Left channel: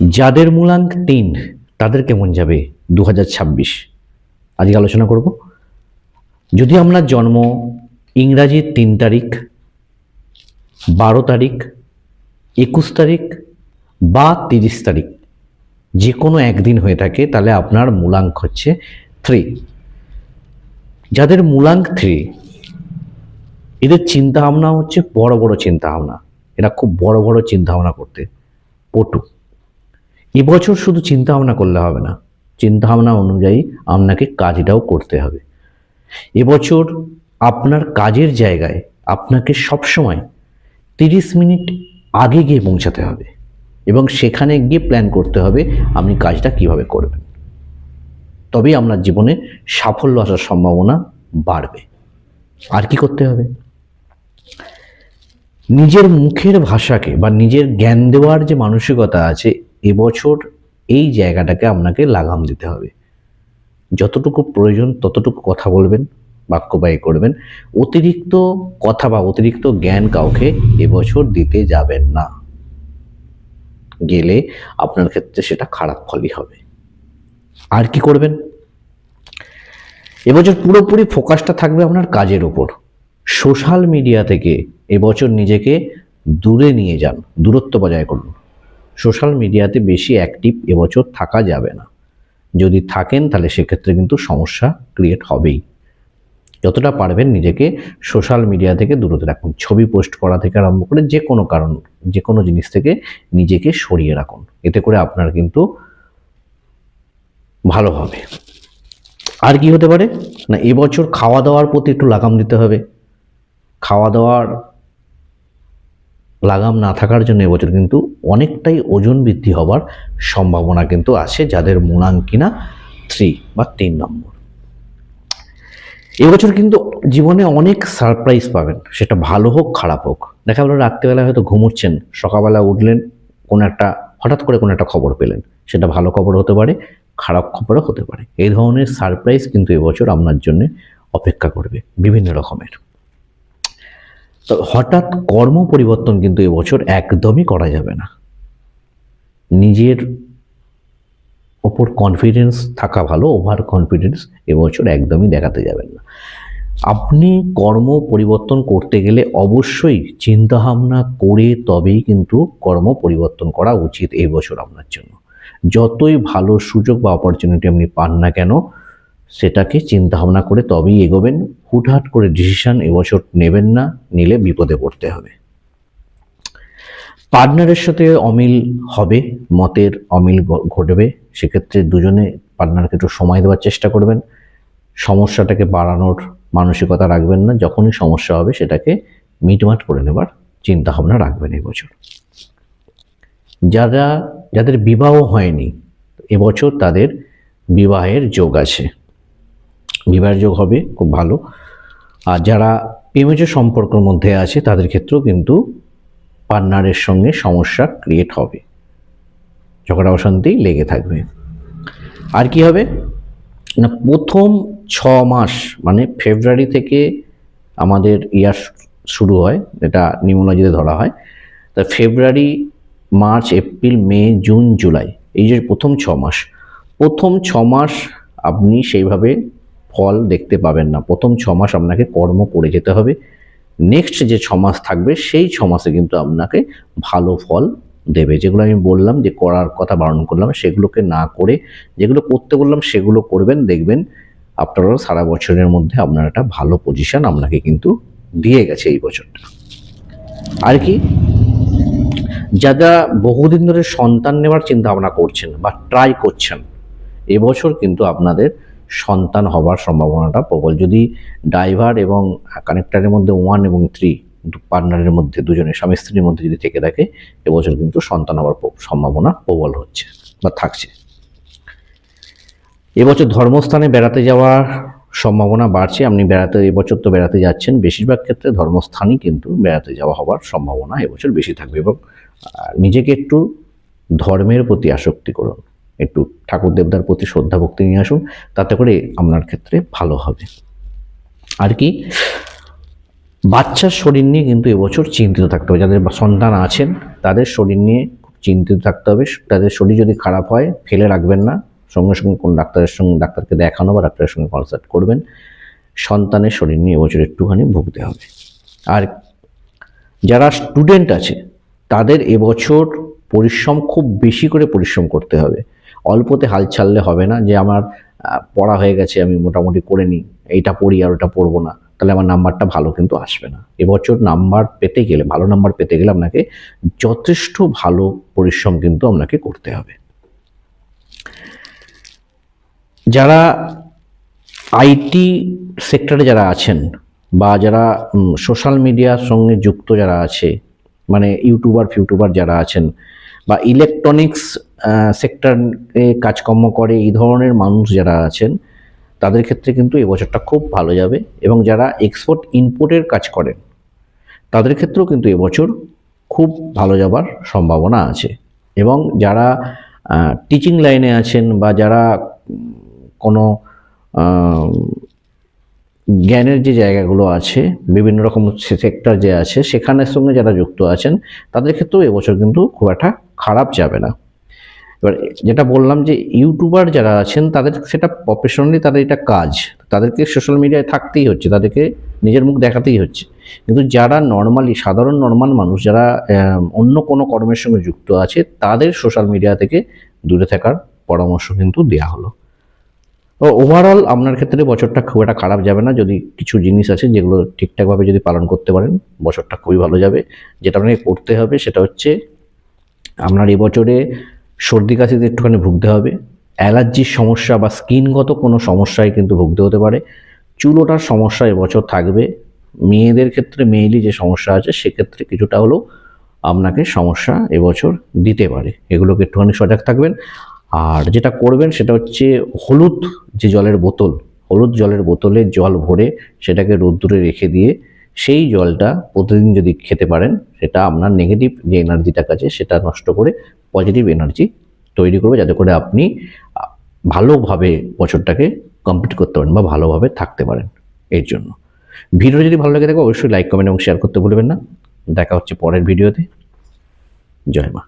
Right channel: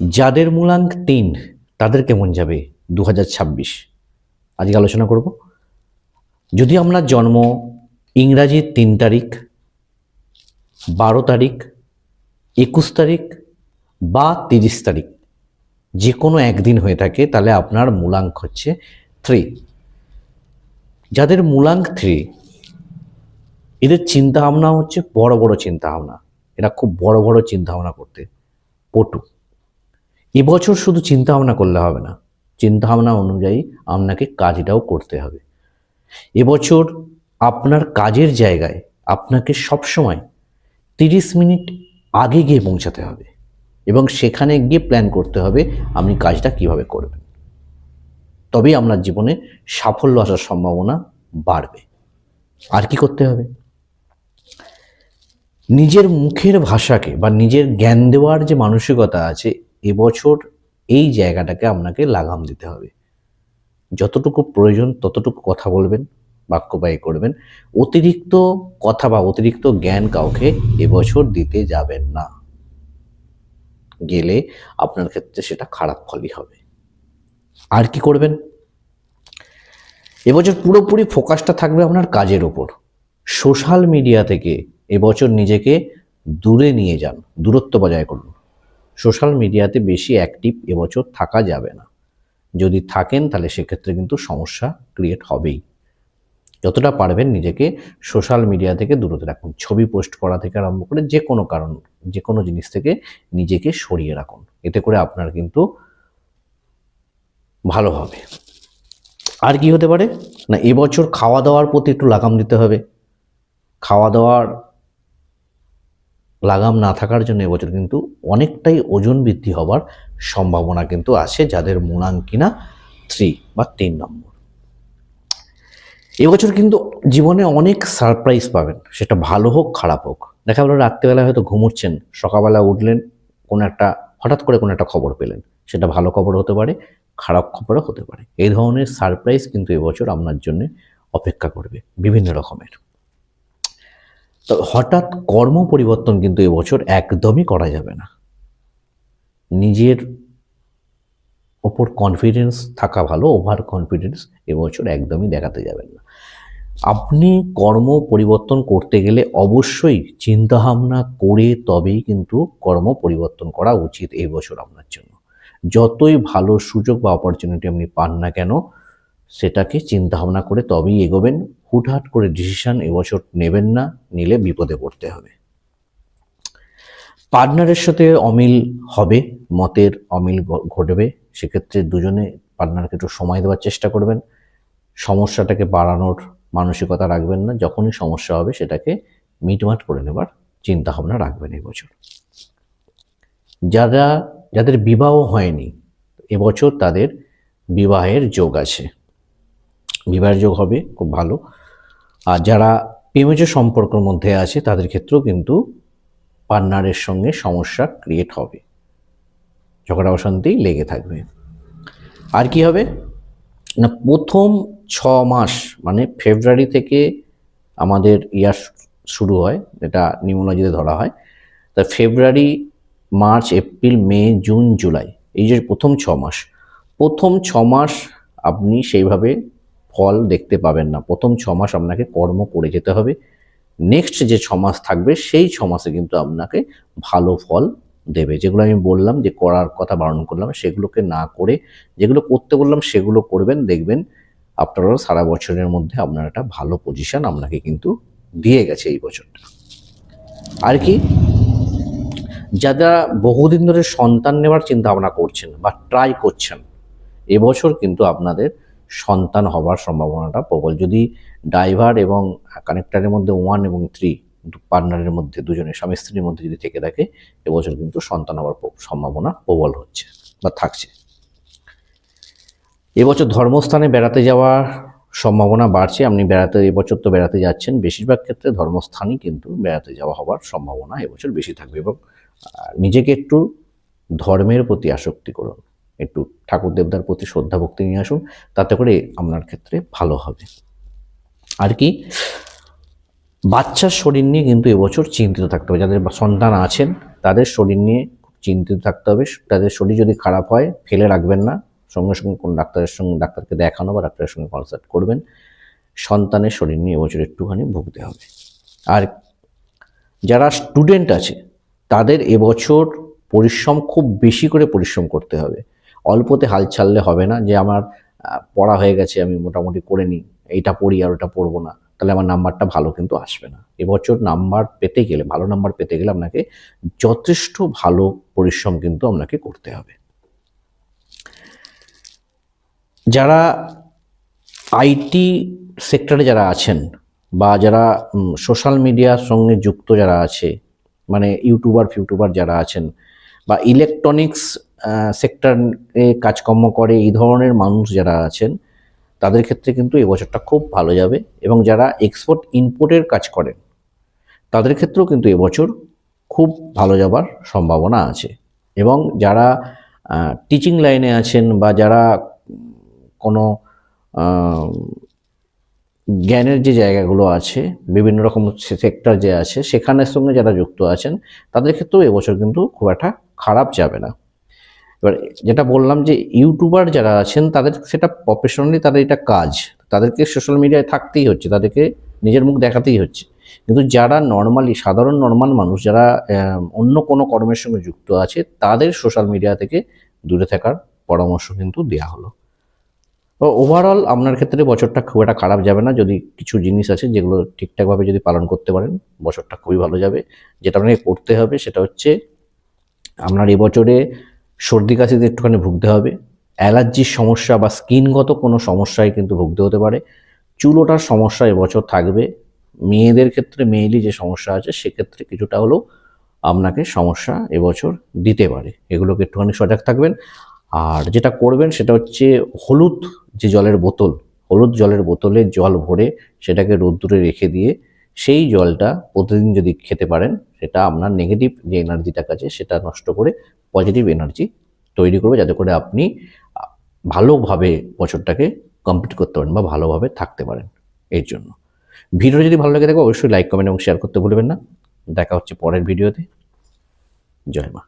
যাদের মূলাঙ্ক 3 তাদের কেমন যাবে 2026 আজকে আলোচনা করব। যদি আপনার জন্ম ইংরাজির 3 তারিখ, 12 তারিখ, 21 তারিখ বা 30 তারিখ যে কোনো একদিন হয়ে থাকে তাহলে আপনার মূলাঙ্ক হচ্ছে 3। যাদের মূলাঙ্ক 3 এদের চিন্তা ভাবনা হচ্ছে বড় বড় চিন্তা ভাবনা, এরা খুব বড় বড় চিন্তা ভাবনা করতে পটু। এবছর শুধু চিন্তা ভাবনা করলে হবে না, চিন্তা ভাবনা অনুযায়ী আপনাকে কাজটাও করতে হবে। এবছর আপনার কাজের জায়গায় আপনাকে সবসময় 30 মিনিট আগে গিয়ে পৌঁছাতে হবে এবং সেখানে গিয়ে প্ল্যান করতে হবে আপনি কাজটা কিভাবে করবেন, তবেই আপনার জীবনে সাফল্য আসার সম্ভাবনা বাড়বে। আর কি করতে হবে? নিজের মুখের ভাষাকে বা নিজের জ্ঞান দেওয়ার যে মানসিকতা আছে, এবছর এই জায়গাটাকে আপনাকে লাগাম দিতে হবে। যতটুকু প্রয়োজন ততটুকু কথা বলবেন, বাক্য ব্যয় করবেন। অতিরিক্ত কথা বা অতিরিক্ত জ্ঞান কাউকে এবছর দিতে যাবেন না, গেলে আপনার ক্ষেত্রে সেটা খারাপ ফলই হবে। আর কি করবেন? এবছর পুরোপুরি ফোকাসটা থাকবে আপনার কাজের উপর। সোশ্যাল মিডিয়া থেকে এবছর নিজেকে দূরে নিয়ে যান, দূরত্ব বজায় করুন। সোশ্যাল মিডিয়াতে বেশি অ্যাক্টিভ এবছর থাকা যাবে না। যদি থাকেন তাহলে সেক্ষেত্রে কিন্তু সমস্যা ক্রিয়েট হবেই। যতটা পারবেন নিজেকে সোশ্যাল মিডিয়া থেকে দূরত রাখুন। ছবি পোস্ট করা থেকে আরম্ভ করে যে কোনো জিনিস থেকে নিজেকে সরিয়ে রাখুন। এতে করে আপনার কিন্তু ভালো হবে। আর কি হতে পারে না, এবছর খাওয়া দাওয়ার প্রতি একটু লাগাম দিতে হবে। খাওয়া দাওয়ার লাগাম না থাকার জন্য এবছর কিন্তু অনেকটাই ওজন বৃদ্ধি হবার সম্ভাবনা কিন্তু আছে যাদের মূলাঙ্ক কিনা 3 বা 3 নম্বর। এবছর কিন্তু জীবনে অনেক সারপ্রাইজ পাবেন, সেটা ভালো হোক খারাপ হোক। দেখা গেল রাত্রিবেলা হয়তো ঘুমোচ্ছেন, সকালবেলা উঠলেন, হঠাৎ করে কোনো একটা খবর পেলেন, সেটা ভালো খবর হতে পারে, খারাপ খবরও হতে পারে। এই ধরনের সারপ্রাইজ কিন্তু এবছর আপনার জন্য অপেক্ষা করবে বিভিন্ন রকমের। তো হঠাৎ কর্ম পরিবর্তন কিন্তু এবছর একদমই করা যাবে না। নিজের ওপর কনফিডেন্স থাকা ভালো, ওভার কনফিডেন্স এবছর একদমই দেখাতে যাবেন না। আপনি কর্ম পরিবর্তন করতে গেলে অবশ্যই চিন্তাভাবনা করে তবেই কিন্তু কর্ম পরিবর্তন করা উচিত এই বছর আপনার জন্য। যতই ভালো সুযোগ বা অপরচুনিটি আপনি পান না কেন, সেটাকে চিন্তাভাবনা করে তবেই এগোবেন। হুটহাট করে ডিসিশন এবছর নেবেন না, নিলে বিপদে পড়তে হবে। পার্টনারের সাথে অমিল হবে, মতের অমিল ঘটবে। সেক্ষেত্রে দুজনে পার্টনারকে একটু সময় দেওয়ার চেষ্টা করবেন। সমস্যাটাকে বাড়ানোর মানসিকতা রাখবেন না। যখনই সমস্যা হবে সেটাকে মিটমাট করে নেবার চিন্তা ভাবনা রাখবেন এবছর। যাদের বিবাহ হয়নি এবছর তাদের বিবাহের যোগ আছে, বিবাহের যোগ হবে, খুব ভালো। আর যারা প্রেমজ সম্পর্কের মধ্যে আছে তাদের ক্ষেত্রেও কিন্তু পার্টনারের সঙ্গে সমস্যা ক্রিয়েট হবে, ঝগড়া অশান্তি লেগে থাকবে। আর কি হবে না, প্রথম 6 মাস মানে ফেব্রুয়ারি থেকে আমাদের ইয়ার শুরু হয়, এটা নিউমোলজিতে ধরা হয়। তা ফেব্রুয়ারি, মার্চ, এপ্রিল, মে, জুন, জুলাই, এই যে প্রথম 6 মাস, প্রথম 6 মাস আপনি সেইভাবে ফল দেখতে পাবেন না। প্রথম 6 মাস আপনাকে কর্ম করে যেতে হবে। নেক্সট যে 6 মাস থাকবে সেই 6 মাসে কিন্তু আপনাকে ভালো ফল দেবে। যেগুলো আমি বললাম যে করার কথা বারণ করলাম, সেগুলোকে না করে যেগুলো করতে বললাম সেগুলো করবেন, দেখবেন আপনারা সারা বছরের মধ্যে আপনার একটা ভালো পজিশন আপনাকে কিন্তু দিয়ে গেছে এই বছরটা। আর কি, যারা বহুদিন ধরে সন্তান নেওয়ার চিন্তা ভাবনা করছেন বা ট্রাই করছেন, এবছর কিন্তু আপনাদের সন্তান হবার সম্ভাবনাটা প্রবল। যদি ড্রাইভার এবং কানেক্টারের মধ্যে 1 এবং 3 পার্টনারের মধ্যে, দুজনের স্বামী স্ত্রীর মধ্যে যদি থেকে থাকে, এবছর কিন্তু সন্তান হওয়ার সম্ভাবনা প্রবল হচ্ছে বা থাকছে। এবছর ধর্মস্থানে বেড়াতে যাওয়ার সম্ভাবনা বাড়ছে। আপনি এবছর তো বেড়াতে যাচ্ছেন, বেশিরভাগ ক্ষেত্রে ধর্মস্থানই কিন্তু বেড়াতে যাওয়া হওয়ার সম্ভাবনা এবছর বেশি থাকবে। এবং নিজেকে একটু ধর্মের প্রতি আসক্তি করুন, একটু ঠাকুর দেবতার প্রতি শ্রদ্ধা ভক্তি নিয়ে আসুন, তাতে করে আপনার ক্ষেত্রে ভালো হবে। আর কি, বাচ্চার শরীর নিয়ে কিন্তু এবছর চিন্তিত থাকতে হবে। যাদের সন্তান আছেন তাদের শরীর নিয়ে খুব চিন্তিত থাকতে হবে। তাদের শরীর যদি খারাপ হয় ফেলে রাখবেন না, সঙ্গে সঙ্গে কোন ডাক্তারকে দেখানো বা ডাক্তারের সঙ্গে কনসাল্ট করবেন। সন্তানের শরীর নিয়ে এবছর একটুখানি ভুগতে হবে। আর যারা স্টুডেন্ট আছে তাদের এবছর পরিশ্রম খুব বেশি করে পরিশ্রম করতে হবে। অল্পতে হাল ছাড়লে হবে না যে আমার পড়া হয়ে গেছে, আমি মোটামুটি করে নিই, এইটা পড়ি আর ওটা পড়বো না, তাহলে আমার নাম্বারটা ভালো কিন্তু আসবে না। এবছর নাম্বার পেতে গেলে, ভালো নাম্বার পেতে গেলে আপনাকে যথেষ্ট ভালো পরিশ্রম কিন্তু আপনাকে করতে হবে। যারা আইটি সেক্টরে যারা আছেন বা যারা সোশ্যাল মিডিয়ার সঙ্গে যুক্ত যারা আছে, মানে ফিউটিউবার যারা আছেন বা ইলেকট্রনিক্স সেক্টরে কাজকর্ম করে, এই ধরনের মানুষ যারা আছেন তাদের ক্ষেত্রে কিন্তু এবছরটা খুব ভালো যাবে। এবং যারা এক্সপোর্ট ইম্পোর্টের কাজ করেন তাদের ক্ষেত্রেও কিন্তু এবছর খুব ভালো যাবার সম্ভাবনা আছে। এবং যারা টিচিং লাইনে আছেন বা যারা কোনো জ্ঞানের যে জায়গাগুলো আছে, বিভিন্ন রকম সেক্টর যে আছে সেখানের সঙ্গে যারা যুক্ত আছেন তাদের ক্ষেত্রেও এবছর কিন্তু খুব একটা খারাপ যাবে না। এবার যেটা বললাম যে ইউটিউবার যারা আছেন তাদের সেটা প্রফেশনালি, তাদের এটা কাজ, তাদেরকে সোশ্যাল মিডিয়ায় থাকতেই হচ্ছে, তাদেরকে নিজের মুখ দেখাতেই হচ্ছে। কিন্তু যারা নর্মালি সাধারণ নর্মাল মানুষ, যারা অন্য কোনো কর্মের সঙ্গে যুক্ত আছে, তাদের সোশ্যাল মিডিয়া থেকে দূরে থাকার পরামর্শ কিন্তু দেওয়া হলো। ওভারঅল আপনার ক্ষেত্রে বছরটা খুব একটা খারাপ যাবে না, যদি কিছু জিনিস আছে যেগুলো ঠিকঠাকভাবে যদি পালন করতে পারেন বছরটা খুবই ভালো যাবে। যেটা আপনাকে করতে হবে সেটা হচ্ছে আপনার এবছরে সর্দি কাশিতে একটুখানি ভুগতে হবে, অ্যালার্জির সমস্যা বা স্কিনগত কোনো সমস্যায় কিন্তু ভুগতে হতে পারে, চুল ওঠার সমস্যা এবছর থাকবে, মেয়েদের ক্ষেত্রে মেইলি যে সমস্যা আছে সেক্ষেত্রে কিছুটা হলেও আপনাকে সমস্যা এবছর দিতে পারে, এগুলোকে একটুখানি সজাগ থাকবেন। আর যেটা করবেন সেটা হচ্ছে হলুদ জলের বোতলে জল ভরে সেটাকে রোদ্দুরে রেখে দিয়ে সেই জলটা প্রতিদিন যদি খেতে পারেন, সেটা আপনার নেগেটিভ যে এনার্জিটা আছে সেটা নষ্ট করে পজিটিভ এনার্জি তৈরি করবে, যাতে করে আপনি ভালোভাবে বছরটাকে কমপ্লিট করতে পারেন বা ভালোভাবে থাকতে পারেন। এর জন্য ভিডিও যদি ভালো লাগে থাকে অবশ্যই লাইক, কমেন্ট এবং শেয়ার করতে ভুলবেন না। দেখা হচ্ছে পরের ভিডিওতে। জয় মা।